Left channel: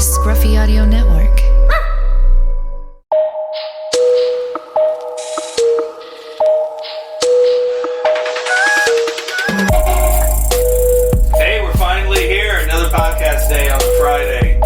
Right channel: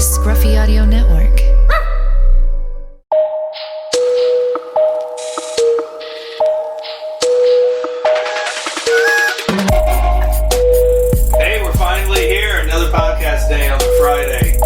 Scruffy Audio Network. Hey, we're finally here. Another podcast day on the Friday.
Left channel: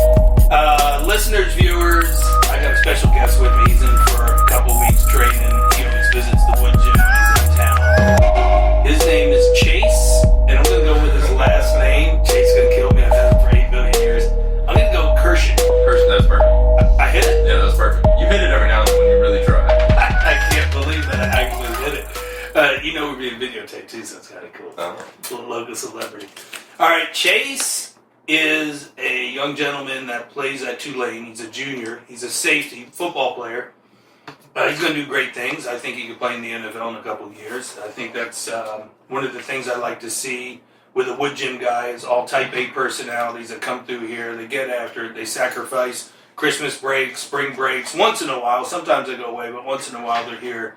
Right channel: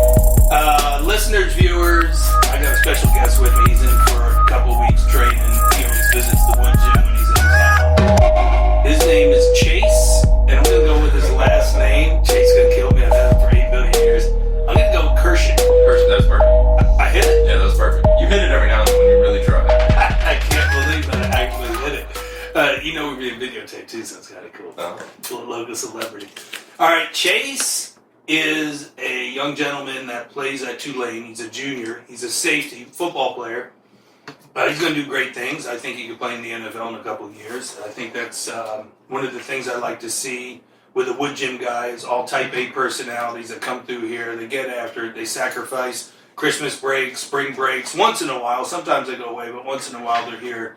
Listeners, viewers, I got a special guest with me. He's in for a couple weeks training. He always visits the Woodgym when he's in town. His name is Chase, and I'm going to go with his last name. Chase is going to kill me. I've had him for 8 billion years. I'm going to go Kuerschen. Kuerschen, that's perfect. I hit it? Yeah, that's perfect. You hit it every now and then when you really try. I can't believe that I actually hit it. You know we're being videotaped too, so it's kind of cool. Oh. Little logo celebrity. All right, Chase is a young gentleman that plays at Tulane. He's a junior. He's a safety football player. He's going to do great things. I think he could play in the NFL in a couple of years. I think that's one of the things I like to see with the Woodgym guys, all type A personalities that come through here. They get after it. They sacrifice Christmas breaks, spring breaks, once in a while. Sometimes they go away, but once in a while they're here.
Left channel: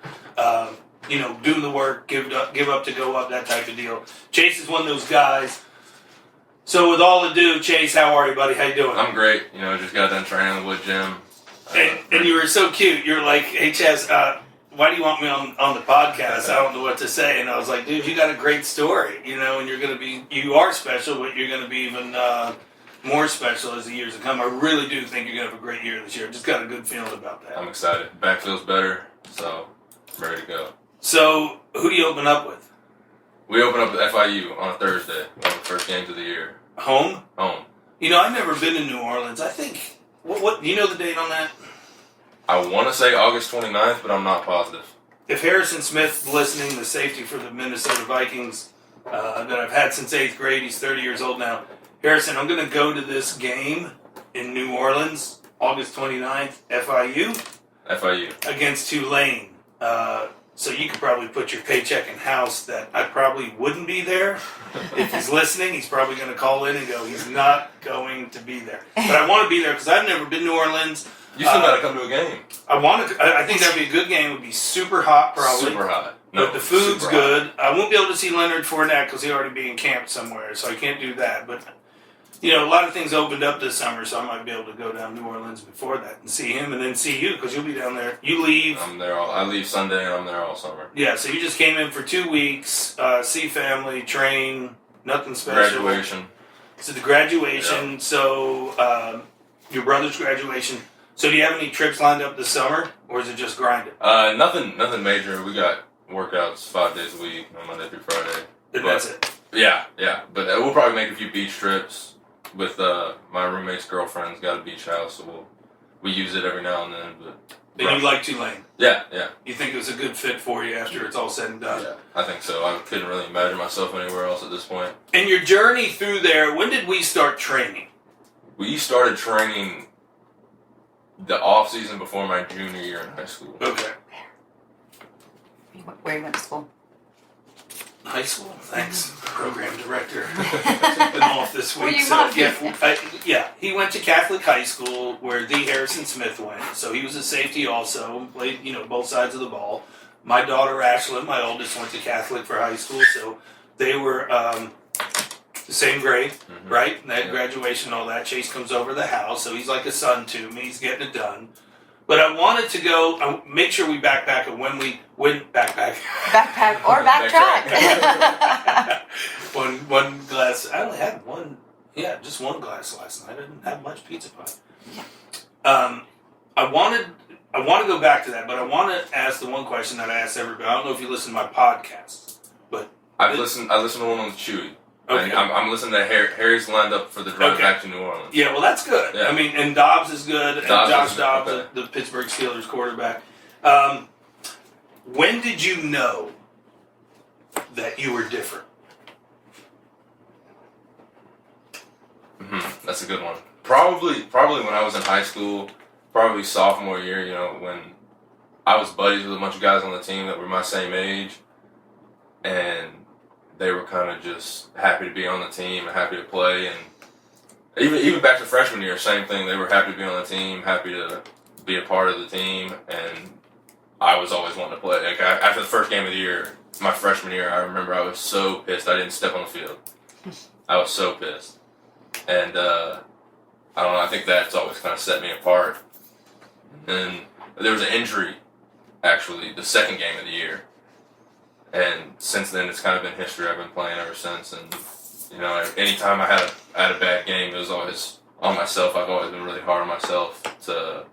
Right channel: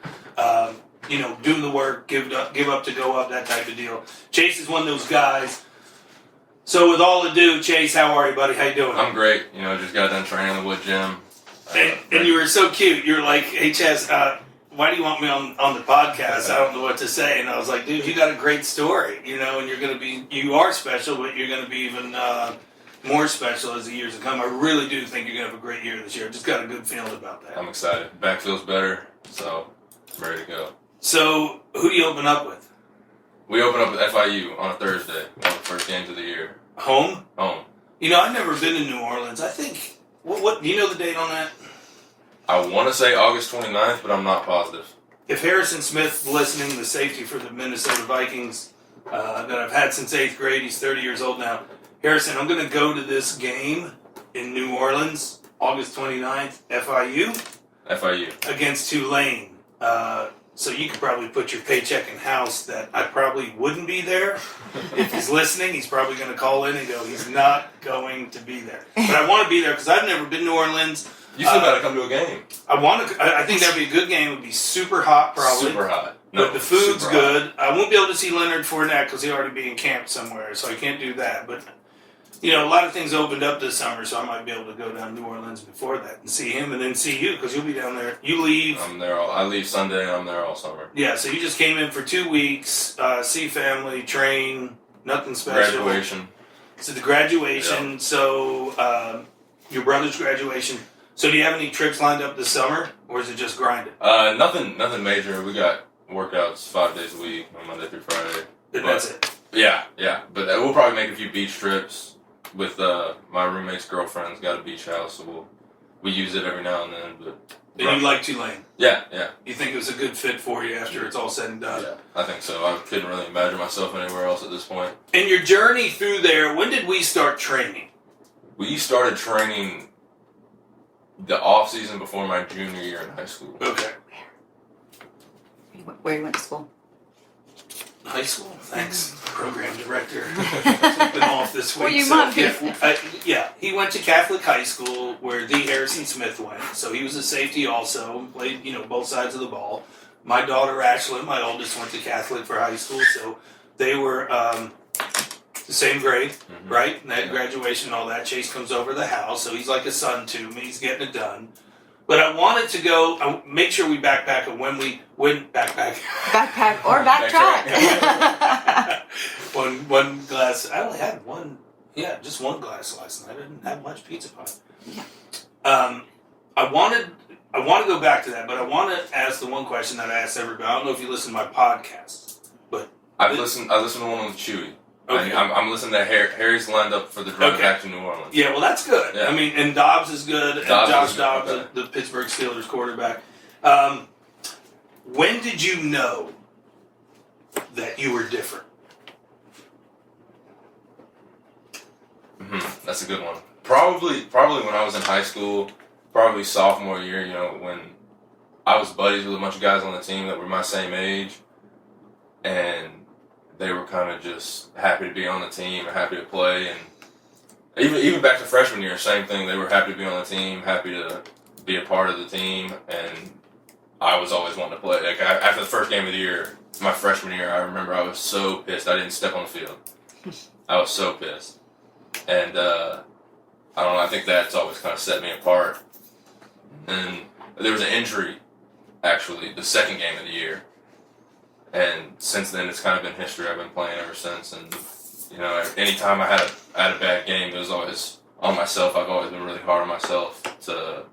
Doing the work, give up to go up, that type of deal. Chase is one of those guys. So with all ado, Chase, how are you, buddy? How you doing? I'm great. Just got done training in the Woodgym. And you were so cute. You're like, hey, Chaz, why do you want me on the podcast? I don't know what to say. And I was like, dude, you got a great story, and you are special, but you're going to be even more special as the years to come. I really do think you're going to have a great year this year. Just got a good feeling about that. I'm excited. Back feels better, so I'm ready to go. So who do you open up with? We open up with FIU on a Thursday, one of the first games of the year. Home? Home. I've never been to New Orleans. I think, what do you know the date on that? I want to say August 29th, but I'm not positive. If Harrison Smith's listening, the safety for the Minnesota Vikings that I've had since 8th grade, he's 30 years old now. Harrison, I'm going to go to this game in New Orleans, August 29th, FIU against Tulane. So you could probably put your paycheck in house that I probably wouldn't be there. If he's listening, he's probably going to call in and go, he's not going to be there. But I want to be there because I've never been to New Orleans. You still got to come to a game. I think that'd be a good game. It would be super hot, probably. Super hot. But the food's good. I won't be able to see Leonard Fournette because he'll already be in camp somewhere, so I can't do that. But, a lot of things opened up this summer, so I might be able to go down to New Orleans before that and see him and then see you because you'll be down there. You leave. I'm there I leave Sunday and I'm there all summer. Yeah, so you just came in for 2 weeks, see family, train, nothing special. Graduation. So the graduation, Yeah. So your brother's graduation. So do you have any trips lined up this summer, or is it just grinding? Nothing major. We got workouts 5 days a week, Monday through Friday. And that's it. Yeah. But we'll probably make a few beach trips with my roommate's girlfriend's got a beach house, so we use it every now and then. But And you like Tulane? Yeah. You think it was a good fit for you after it's all said and done? Yeah, I think so. I couldn't really imagine myself anywhere else at this point. And your journey through there, when did we start training? We started training the off season before my junior year in high school. Okay. Where you went to school? High school, thanks, program director. Been off this week. Well, you So might be. he went to Catholic high school where D. Harrison Smith went. So he was a safety also, played both sides of the ball. My daughter Ashlyn, my oldest, went to Catholic for high school, so they were the same grade, right? And they had graduation and all that. Chase comes over to the house, so he's like a son to me. He's getting it done. But I wanted to go, make sure we backpack, and when we went backpack Backpack or backtrack. one glass. I only had one. Yeah, just one glass last night. I didn't have much pizza pie. I want to go back to that, but I want to ask the one question that I asked everybody. I don't know if you listen to my podcast, but I listened to one on Chewy. Okay. I'm listening to Harry's lined up for the drive back to New Orleans. Yeah, well, that's good. Yeah. I mean, and Dobbs is good, and Josh Dobbs, okay. the Pittsburgh Steelers quarterback. When did you know that you were different? That's a good one. Probably when I was in high school, probably sophomore year, when I was buddies with a bunch of guys on the team that were my same age, and they were kind of just happy to be on the team, happy to play, and even back to freshman year, same thing. They were happy to be on the team, happy to be a part of the team, and I was always wanting to play. Like after the first game of the year, my freshman year, I remember I was so pissed I didn't step on the field. I was so pissed, and I don't know. I think that's always kind of set me apart. And there was an injury, actually, the second game of the year. And since then, it's kind of been history. I've been playing ever since. And, you know, anytime I had a bad game, it was always on myself. I've always been really hard on myself to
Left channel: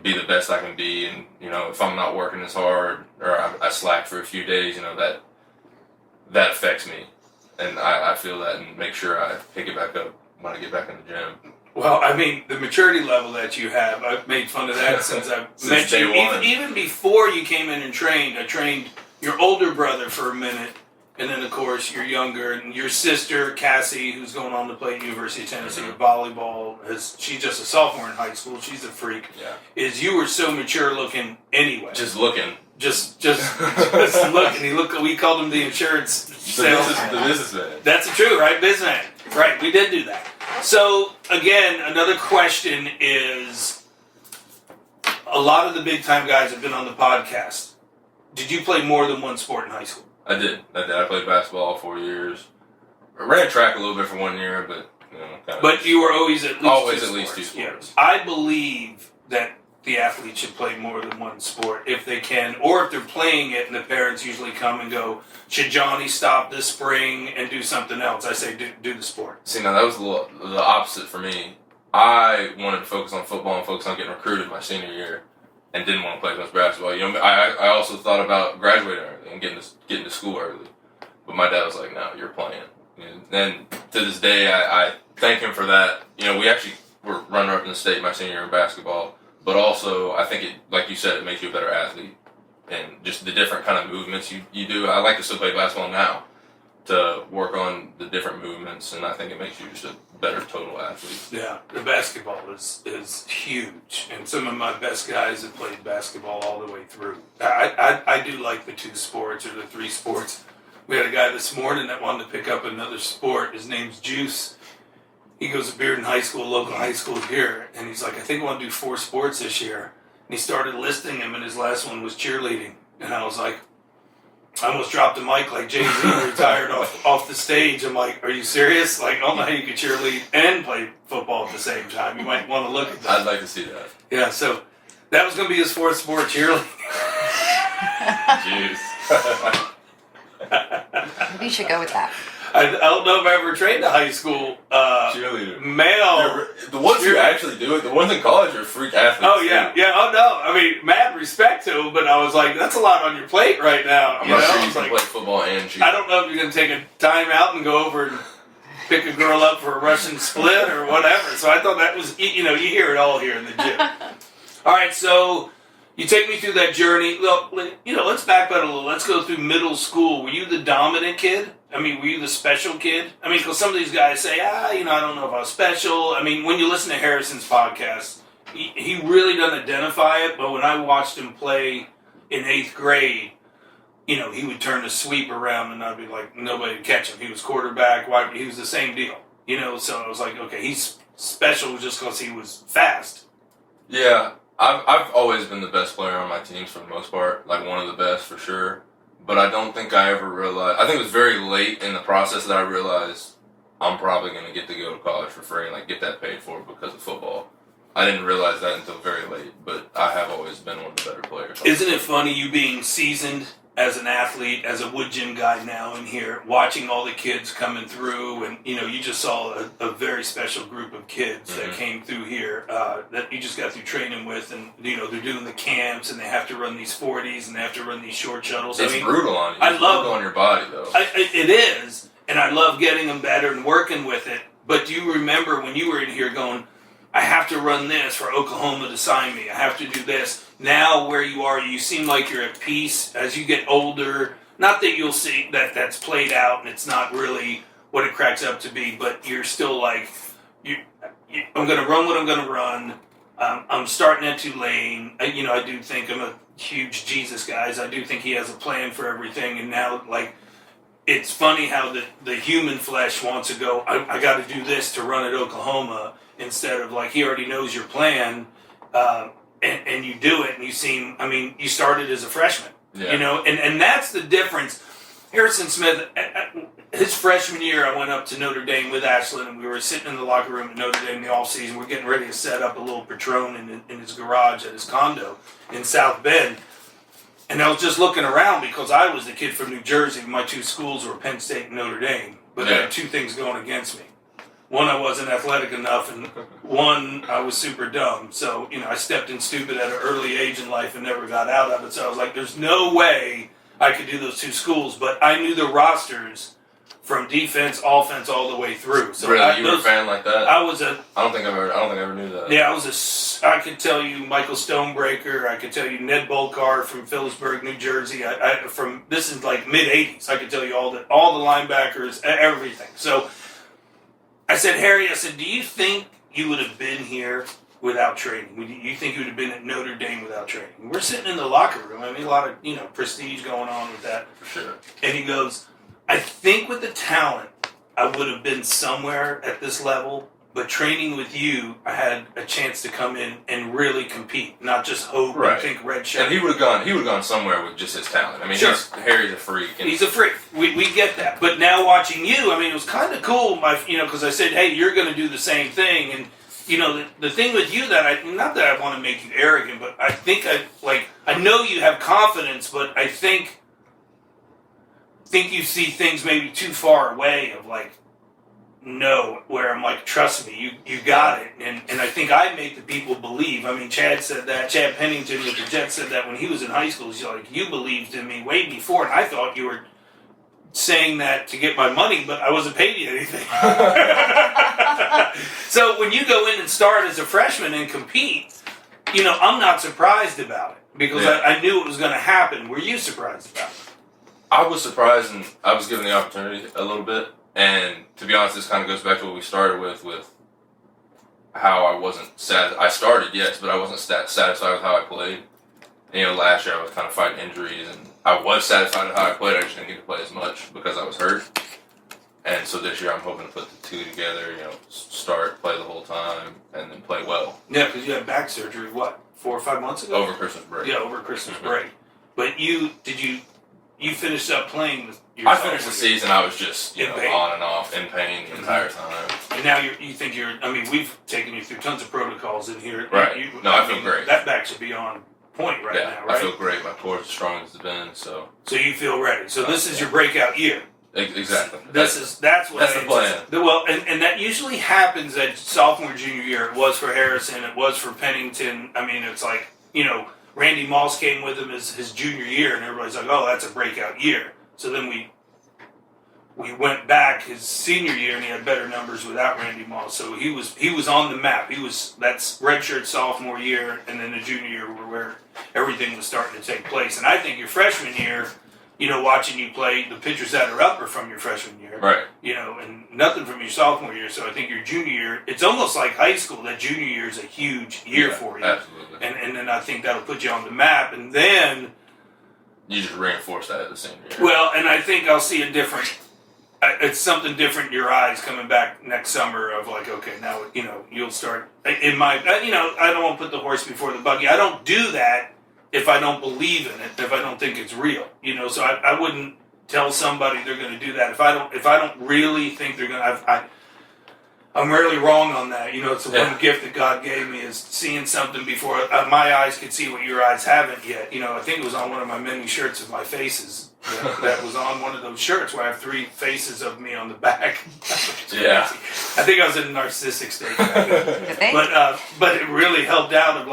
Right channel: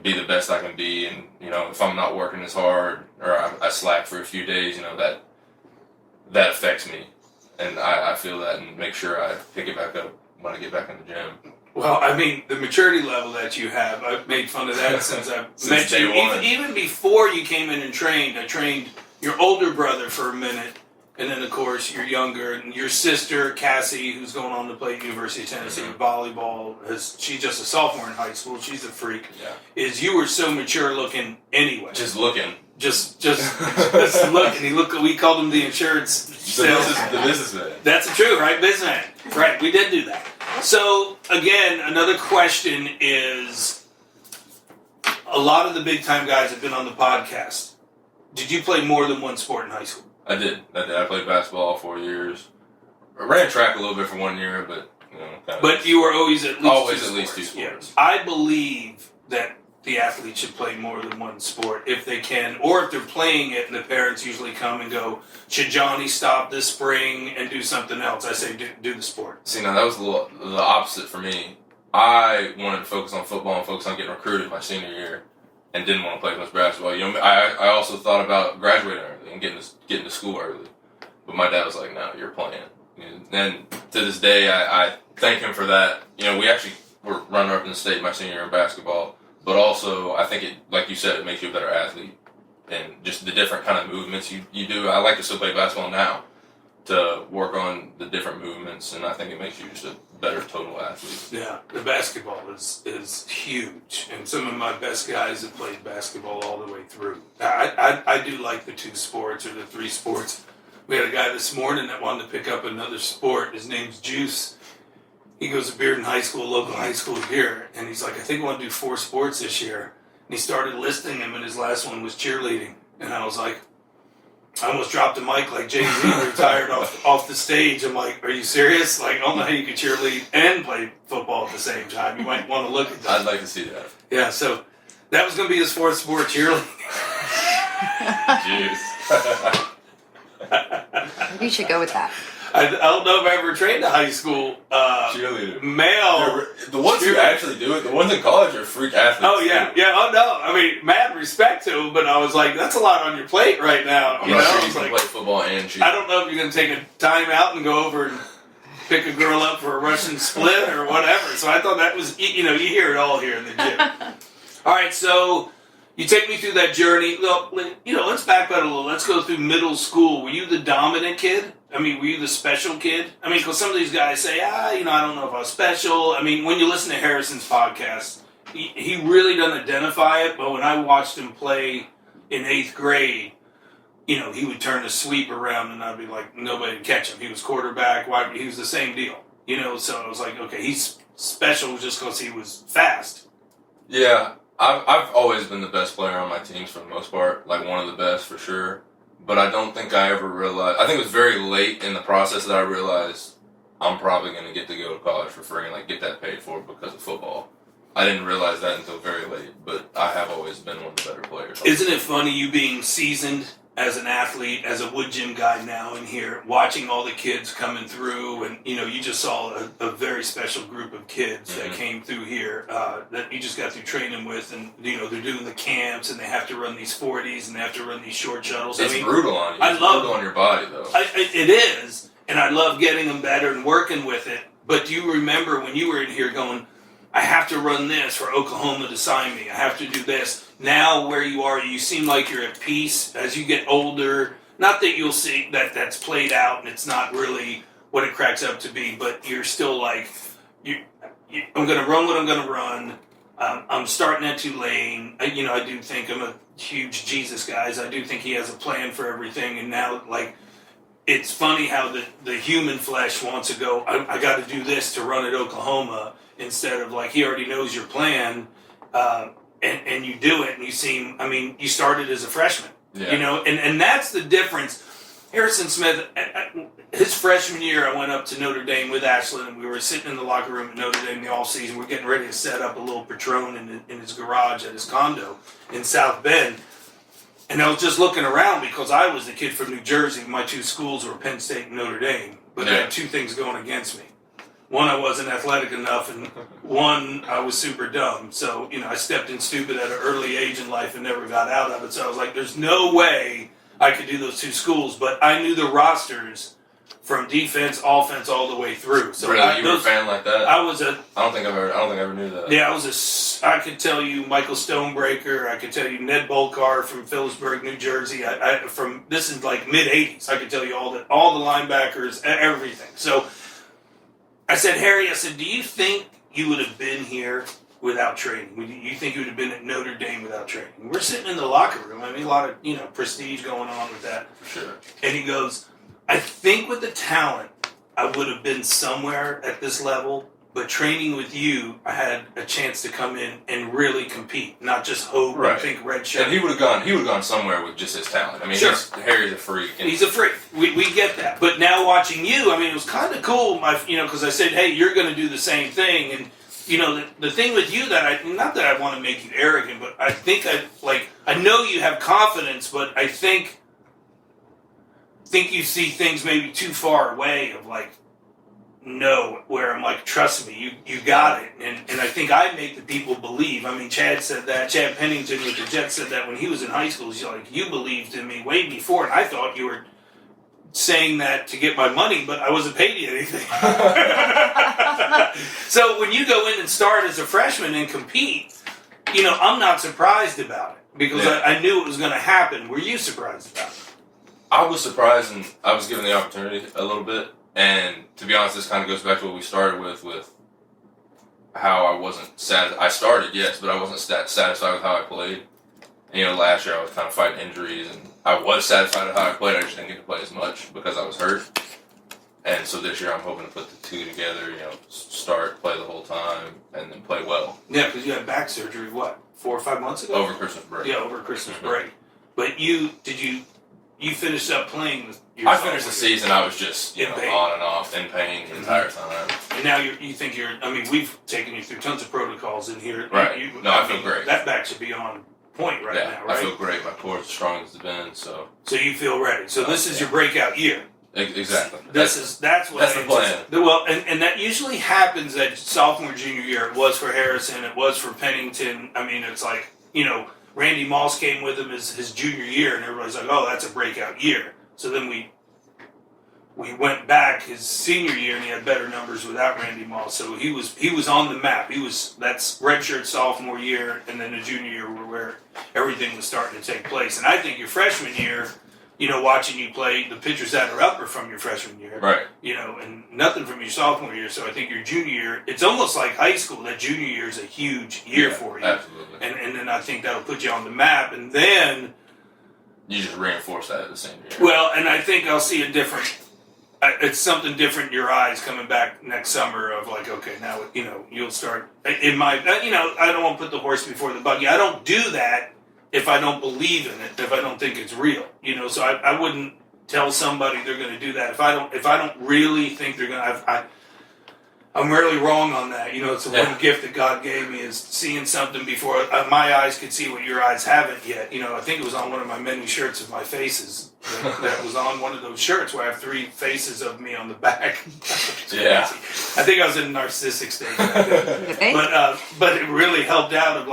be the best I can be. And, you know, if I'm not working as hard or I slack for a few days, you know, that affects me. And I feel that and make sure I pick it back up when I get back in the gym. Well, I mean, the maturity level that you have, I've made fun of that since I've met you. Even before you came in and trained, I trained your older brother for a minute, and then, of course, your younger, and your sister, Cassie, who's going on to play at University of Tennessee volleyball. She's just a sophomore in high school. She's a freak. Yeah. You were so mature looking anyway. Just looking. Just looking. We called him the insurance salesman. The businessman. That's true, right? Businessman. Right, we did do that. So, again, another question is, a lot of the big-time guys have been on the podcast. Did you play more than one sport in high school? I did. I played basketball all 4 years. I ran track a little bit for 1 year, but, you know. But you were always at least two sports. Yeah. I believe that the athletes should play more than one sport if they can, or if they're playing it and the parents usually come and go, should Johnny stop this spring and do something else? I say do the sport. See, now that was the opposite for me. I wanted to focus on football and focus on getting recruited my senior year and didn't want to play much basketball. You know, I also thought about graduating early and getting to school early. But my dad was like, no, you're playing. And to this day, I thank him for that. You know, we actually were runner-up in the state my senior year in basketball. But also, I think, like you said, it makes you a better athlete. And just the different kind of movements you do. I like to still play basketball now to work on the different movements, and I think it makes you just a better total athlete. Yeah, the basketball is huge. And some of my best guys have played basketball all the way through. I do like the two sports or the three sports. We had a guy this morning that wanted to pick up another sport. His name's Juice. He goes to Bearden High School, local high school here, and he's like, I think I want to do 4 sports this year. And he started listing them, and his last one was cheerleading. And I was like, I almost dropped the mic like Jay-Z retired off the stage. I'm like, are you serious? Like, I don't know how you could cheerlead and play football at the same time. You might want to look at that. I'd like to see that. Yeah, so that was going to be his 4th sport, cheerleading. Jeez. You should go with that. I don't know if I ever trained a high school cheerleader. Male. The ones who actually do it, the ones in college are freak athletes. Oh, yeah. Too. Yeah, oh, no. I mean, mad respect to him, but I was like, that's a lot on your plate right now. I'm you not know? sure I you was can like, play football and cheer. I don't know if you're going to take a time out and go over and pick a girl up for a Russian split or whatever. So I thought that was, you hear it all here in the gym. All right, so you take me through that journey. Well, let's back up a little. Let's go through middle school. Were you the dominant kid? I mean, were you the special kid? I mean, because some of these guys say, I don't know if I was special. I mean, when you listen to Harrison's podcast, he really doesn't identify it, but when I watched him play in 8th grade, he would turn the sweep around and I'd be like, nobody would catch him. He was quarterback, he was the same deal. So I was like, okay, he's special just because he was fast. Yeah, I've always been the best player on my teams for the most part, like one of the best for sure. But I don't think I ever realized, I think it was very late in the process that I realized I'm probably going to get to go to college for free and like get that paid for because of football. I didn't realize that until very late, but I have always been one of the better players. Isn't it funny you being seasoned as an athlete, as a Woodgym guy now in here, watching all the kids coming through, and you just saw a very special group of kids that came through here that you just got through training with, and they're doing the camps and they have to run these 40s and they have to run these short shuttles. It's brutal on you. It's brutal on your body though. It is, and I love getting them better and working with it. But do you remember when you were in here going, I have to run this for Oklahoma to sign me. I have to do this. Now where you are, you seem like you're at peace as you get older. Not that you'll see that's played out and it's not really what it cracks up to be, but you're still like, I'm going to run what I'm going to run. I'm starting at Tulane. I do think I'm a huge Jesus guy. I do think he has a plan for everything. And now, it's funny how the human flesh wants to go, I got to do this to run at Oklahoma, instead of he already knows your plan, and you do it, and you started as a freshman, yeah. and that's the difference. Harrison Smith, his freshman year, I went up to Notre Dame with Ashlyn, and we were sitting in the locker room at Notre Dame the all season. We're getting ready to set up a little Petrone in his garage at his condo in South Bend. And I was just looking around because I was the kid from New Jersey. My two schools were Penn State and Notre Dame. But I had two things going against me. One, I wasn't athletic enough, and one, I was super dumb. So, I stepped in stupid at an early age in life and never got out of it. So I was like, there's no way I could do those two schools. But I knew the rosters from defense, offense, all the way through. So really, you were a fan like that? I was a. I don't think I ever knew that. Yeah, I could tell you Michael Stonebreaker. I could tell you Ned Bolkar from Phillipsburg, New Jersey. This is like mid '80s. I could tell you all the linebackers, everything. So I said, Harry, do you think you would have been here without training? You think you would have been at Notre Dame without training? We're sitting in the locker room. I mean, a lot of prestige going on with that. For sure. And he goes, I think with the talent, I would have been somewhere at this level, but training with you, I had a chance to come in and really compete, not just hope and think red shirt. And he would have gone somewhere with just his talent. I mean, sure. Harry's a freak. He's a freak. We get that. But now watching you, I mean, it was kind of cool, because I said, hey, you're going to do the same thing. And, the thing with you not that I want to make you arrogant, but I think I know you have confidence, but I think you see things maybe too far away of where I'm like, trust me, you got it. And I think I make the people believe. I mean, Chad said that. Chad Pennington with the Jets said that when he was in high school. He's like, you believed in me way before, and I thought you were saying that to get my money, but I wasn't paid you anything. So when you go in and start as a freshman and compete, I'm not surprised about it because I knew it was going to happen. Were you surprised about it? I was surprised, and I was given the opportunity a little bit. And to be honest, this kind of goes back to what we started with how I wasn't sad. I started, yes, but I wasn't satisfied with how I played. And, last year I was kind of fighting injuries, and I was satisfied with how I played. I just didn't get to play as much because I was hurt. And so this year I'm hoping to put the two together, start, play the whole time, and then play well. Yeah, because you had back surgery, 4 or 5 months ago? Over Christmas break. Yeah, over Christmas break. But you finished up playing with your I finished the season, I was just, pain. on and off, in pain the entire time. And now you think we've taken you through tons of protocols in here. Right. I feel great. That back should be on point now, right? I feel great. My core is as strong as it's been, so. So you feel ready. So this is your breakout year. Exactly. That's the plan. Well, and that usually happens at sophomore, junior year. It was for Harrison. It was for Pennington. I mean, it's like, Randy Moss came with him his junior year, and everybody's like, oh, that's a breakout year. So then we went back his senior year, and he had better numbers without Randy Moss. So he was on the map. That's redshirt sophomore year, and then the junior year where everything was starting to take place. And I think your freshman year, watching you play, the pitchers that are up are from your freshman year. Right. And nothing from your sophomore year. So I think your junior year, it's almost like high school. That junior year is a huge year for you. Absolutely. And then I think that'll put you on the map. And then you just reinforce that at the same year. Well, and I think I'll see it's something different in your eyes coming back next summer of okay, now, you'll start, I don't want to put the horse before the buggy. I don't do that if I don't believe in it, if I don't think it's real, so I wouldn't tell somebody they're going to do that if I don't really think they're going to. I'm really wrong on that. It's the one gift that God gave me is seeing something before my eyes could see what your eyes haven't yet. I think it was on one of my many shirts of my faces. That was on one of those shirts where I have 3 faces of me on the back. Yeah. I think I was in a narcissistic state. But it really helped out of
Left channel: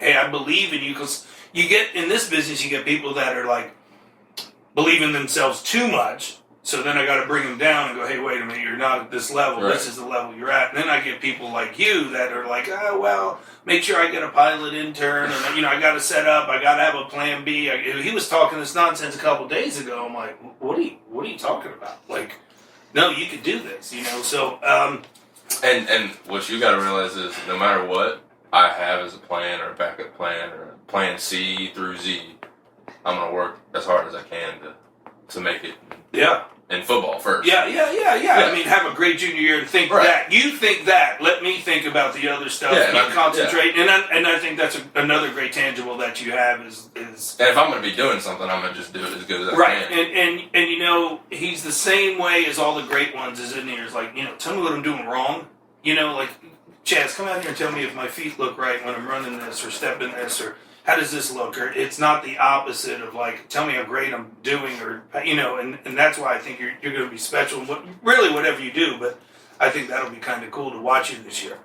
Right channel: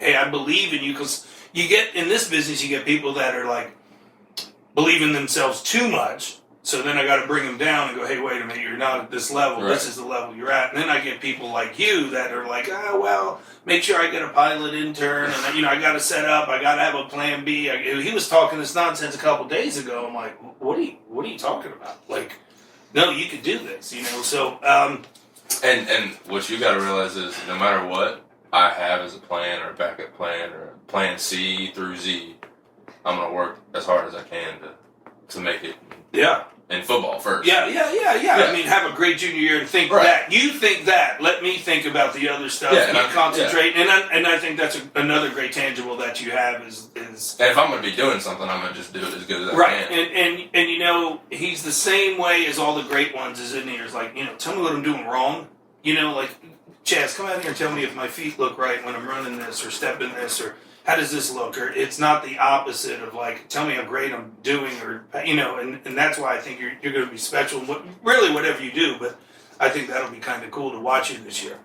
hey, I believe in you, because you get in this business, you get people that are believe in themselves too much. So then I got to bring them down and go, hey, wait a minute, you're not at this level. Right. This is the level you're at. And then I get people like you that are make sure I get a pilot intern. And, I got to set up. I got to have a plan B. He was talking this nonsense a couple days ago. I'm like, what are you talking about? No, you could do this, So, and what you got to realize is no matter what I have as a plan or a backup plan or plan C through Z, I'm going to work as hard as I can to make it. Yeah. in football first. Yeah. I mean, have a great junior year and think Right. that. You think that. Let me think about the other stuff. Yeah, You concentrate. And I think that's another great tangible that you have is And if I'm going to be doing something, I'm going to just do it as good as I right. can. And you know, he's the same way as all the great ones is in here. It's like, you know, tell me what I'm doing wrong. You know, like, Chaz, come out here and tell me if my feet look right when I'm running this or stepping this or how does this look? Or it's not the opposite of like, tell me how great I'm doing or, you know, and that's why I think you're going to be special. Really, whatever you do, but I think that'll be kind of cool to watch you this year.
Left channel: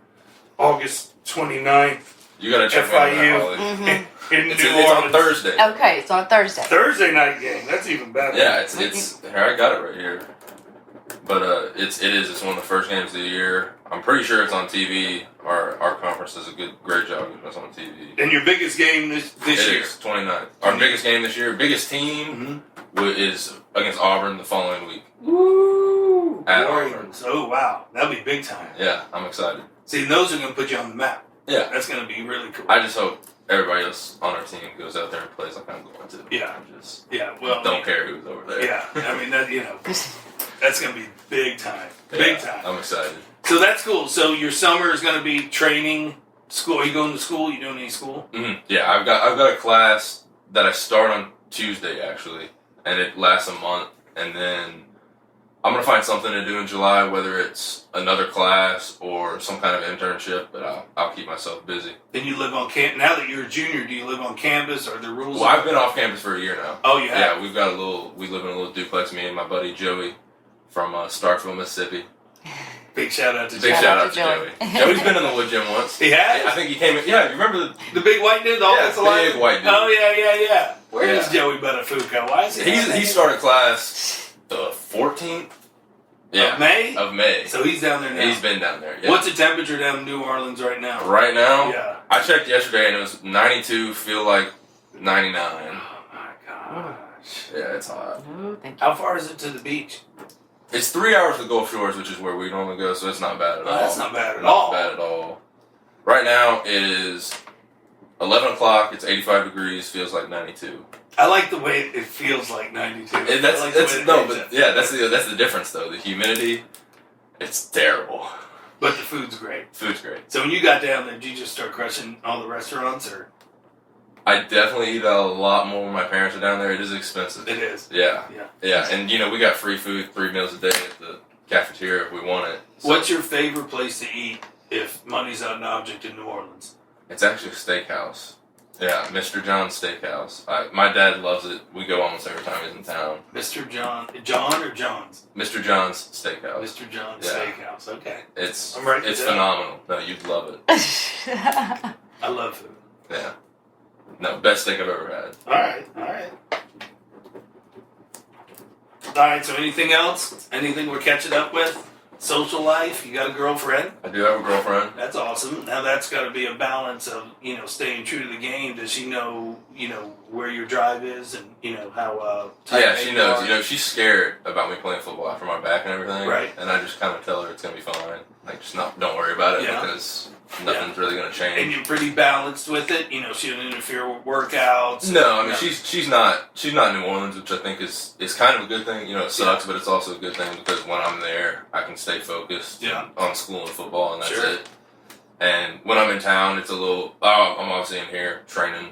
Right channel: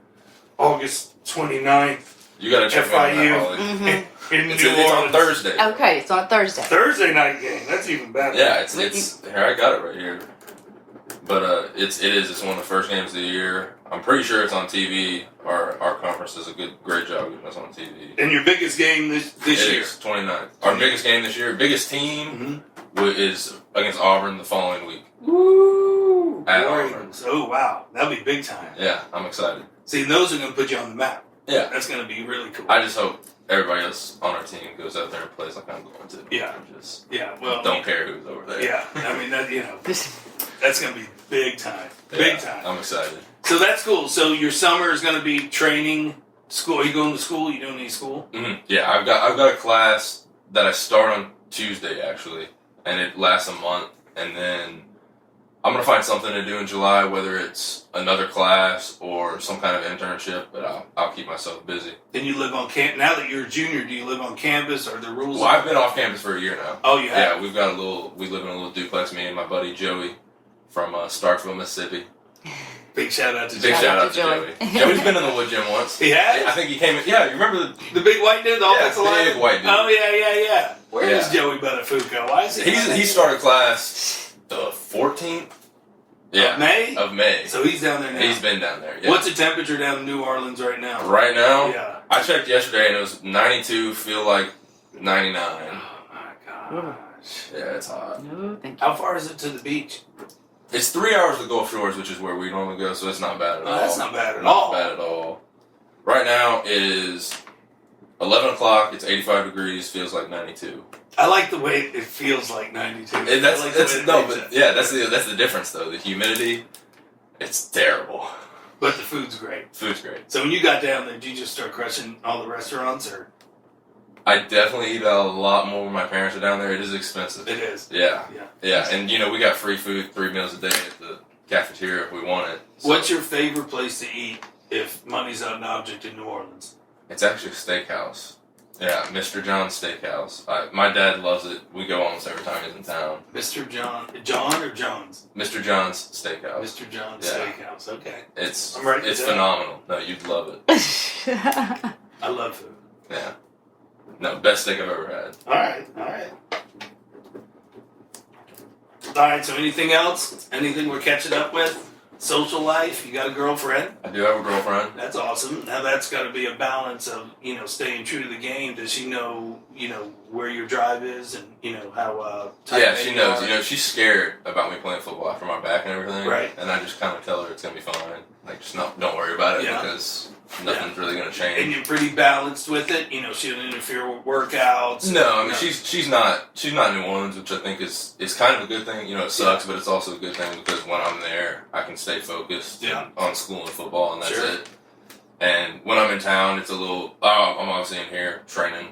August 29th. You got to check me out, FIU. Holly. In It's New on Orleans. Thursday. Okay, it's on Thursday. Thursday night game. That's even better. Yeah, it's here. I got it right here. But it's one of the first games of the year. I'm pretty sure it's on TV. Our conference does a great job getting us on TV. And your biggest game this year? It is 29th. Our biggest game this year, biggest team is against Auburn the following week. Woo! At Warriors. Oh wow, that'll be big time. Yeah, I'm excited. See, those are going to put you on the map. Yeah, That's going to be really cool. I just hope everybody else on our team goes out there and plays like I'm going to. Yeah. And just Well, don't care who's over there. Yeah, I mean that. You know, that's going to be big time. Big time. I'm excited. So that's cool. So your summer is going to be training. School? Are you going to school? You doing any school? Mm-hmm. Yeah, I've got a class that I start on Tuesday actually, and it lasts a month, and then I'm gonna find something to do in July, whether it's another class or some kind of internship. But I'll keep myself busy. Then you live on camp. Now that you're a junior, do you live on campus? Are there rules? Well, I've been off campus for a year now. Oh, you have? Yeah, we live in a little duplex. Me and my buddy Joey from Starkville, Mississippi. Big shout out to Big Joey. shout out to Joey. Joey's been in the Woodgym once. He has? I think he came. Yeah, you remember The big white dude, the offensive lineman? big white dude. Oh yeah. Where is Yeah. Joey Buttafuoco? Why is He started class the 14th. Yeah, of May. Of May. So he's down there now. He's been down there. Yeah. What's the temperature down in New Orleans right now? Right now? Yeah. I checked yesterday and it was 92. Feel like 99. Oh my gosh. Yeah, it's hot. No, thank you. How far is it to the beach? It's 3 hours to Gulf Shores, which is where we normally go, so it's not bad at all. That's not bad at Not all. bad at all. Right now it is 11 o'clock. It's 85 degrees. Feels like 92. I like the way it feels like 92. And I that's like the way it no, makes but it. yeah, that's the difference though. The humidity, it's terrible. But the food's great. Food's great. So when you got down there, did you just start crushing all the restaurants, or I definitely eat a lot more when my parents are down there. It is expensive. it is? Yeah. Yeah. Yeah, and we got free food, 3 meals a day at the cafeteria if we want it. So What's your favorite place to eat if money's not an object in New Orleans? It's actually a steakhouse. Yeah, Mr. John's Steakhouse. My dad loves it. We go almost every time he's in town. John or John's? Mr. John's Steakhouse. Mr. John's Yeah. Steakhouse. Okay. It's I'm writing it down. phenomenal. No, you'd love it. I love food. Yeah. No, best steak I've ever had. All right. All right. So anything else? Anything we're catching up with? Social life? You got a girlfriend? I do have a girlfriend. That's awesome. Now that's got to be a balance of staying true to the game. Does she know where your drive is and how? Yeah, she knows. She's scared about me playing football after my back and everything. Right. And I just kind of tell her it's gonna be fine. Like, just don't worry about it Yeah. because nothing's really gonna change. And you're pretty balanced with it. She doesn't interfere with workouts. No, I mean she's not New Orleans, which I think is kind of a good thing. It sucks, but it's also a good thing because when I'm there, I can stay focused on school and football, and that's Sure. it. And when I'm in town, it's a little. I'm obviously in here training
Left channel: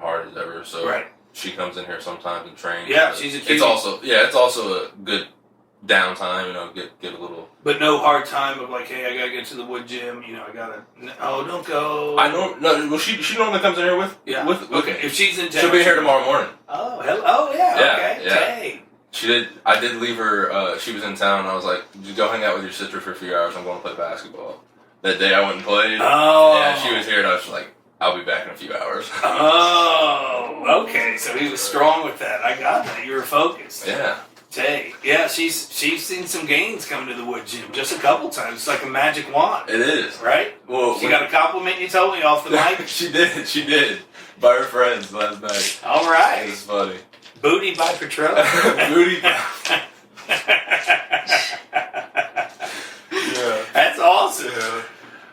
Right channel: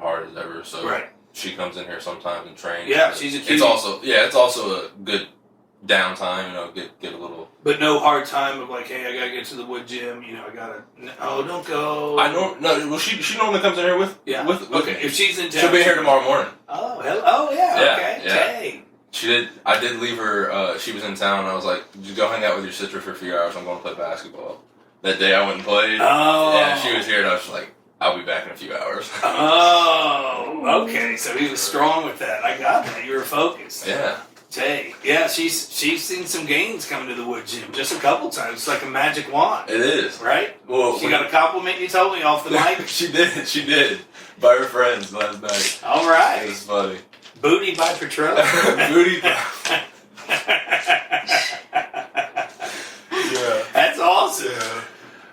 hard as ever, so Right. she comes in here sometimes and trains. Yeah, but she's a It's also a good downtime. Get a little. But no hard time of like, hey, I gotta get to the wood gym. I gotta. Oh, don't go. I don't know. Well, she normally comes in here with with Okay. me. If she's in town, She'll be here tomorrow morning. Oh, hell. Oh, yeah. Yeah, Okay. yeah. Hey. I did leave her. She was in town. And I was like, "Just go hang out with your sister for a few hours. I'm going to play basketball." That day I went and played. Oh. Yeah, she was here, and I was like, "I'll be back in a few hours." Oh. Okay. So he was strong with that. I got that. You were focused. Yeah. Hey. Yeah. She's seen some gains coming to the wood gym just a couple times. It's like a magic wand, It is. right? Well, She got a compliment. You told me off the mic. She did. By her friends last night. All It right. was funny. Booty by Petrone. Booty. Yeah. That's awesome. Yeah.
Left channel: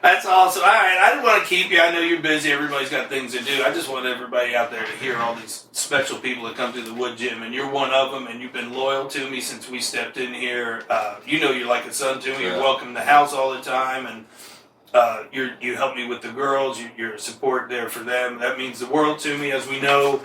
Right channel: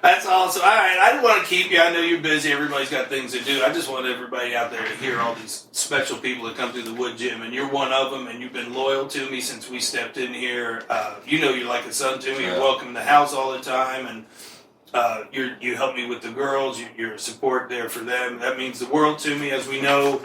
That's awesome. All right, I didn't want to keep you. I know you're busy. Everybody's got things to do. I just want everybody out there to hear all these special people that come through the Woodgym, and you're one of them. And you've been loyal to me since we stepped in here. You know, you're like a son to me. You're welcome in the house all the time, and you help me with the girls. You're a support there for them. That means the world to me, as we know.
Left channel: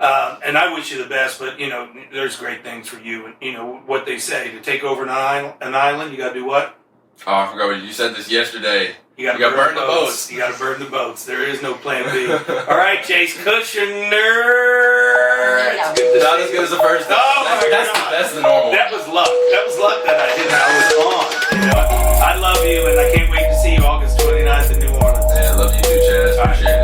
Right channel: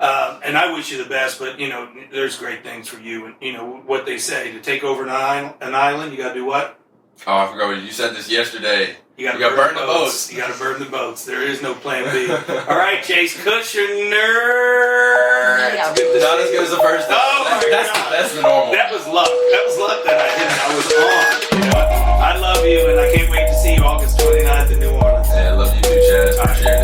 And I wish you the best, but you know, there's great things for you. And you know what they say: to take over an island, you got to do what? Oh, I forgot what you said this yesterday. You got to burn the boats. You got to burn the boats. There is no plan B. All right, Chase Kuerschen. Yeah. Not as good as the first time. Oh my That's God. That's the normal. That was luck. That was luck that I was on. You know? I love you, and I can't wait to see you August 29th in New Orleans. Yeah, I love you too, Chad. Appreciate it.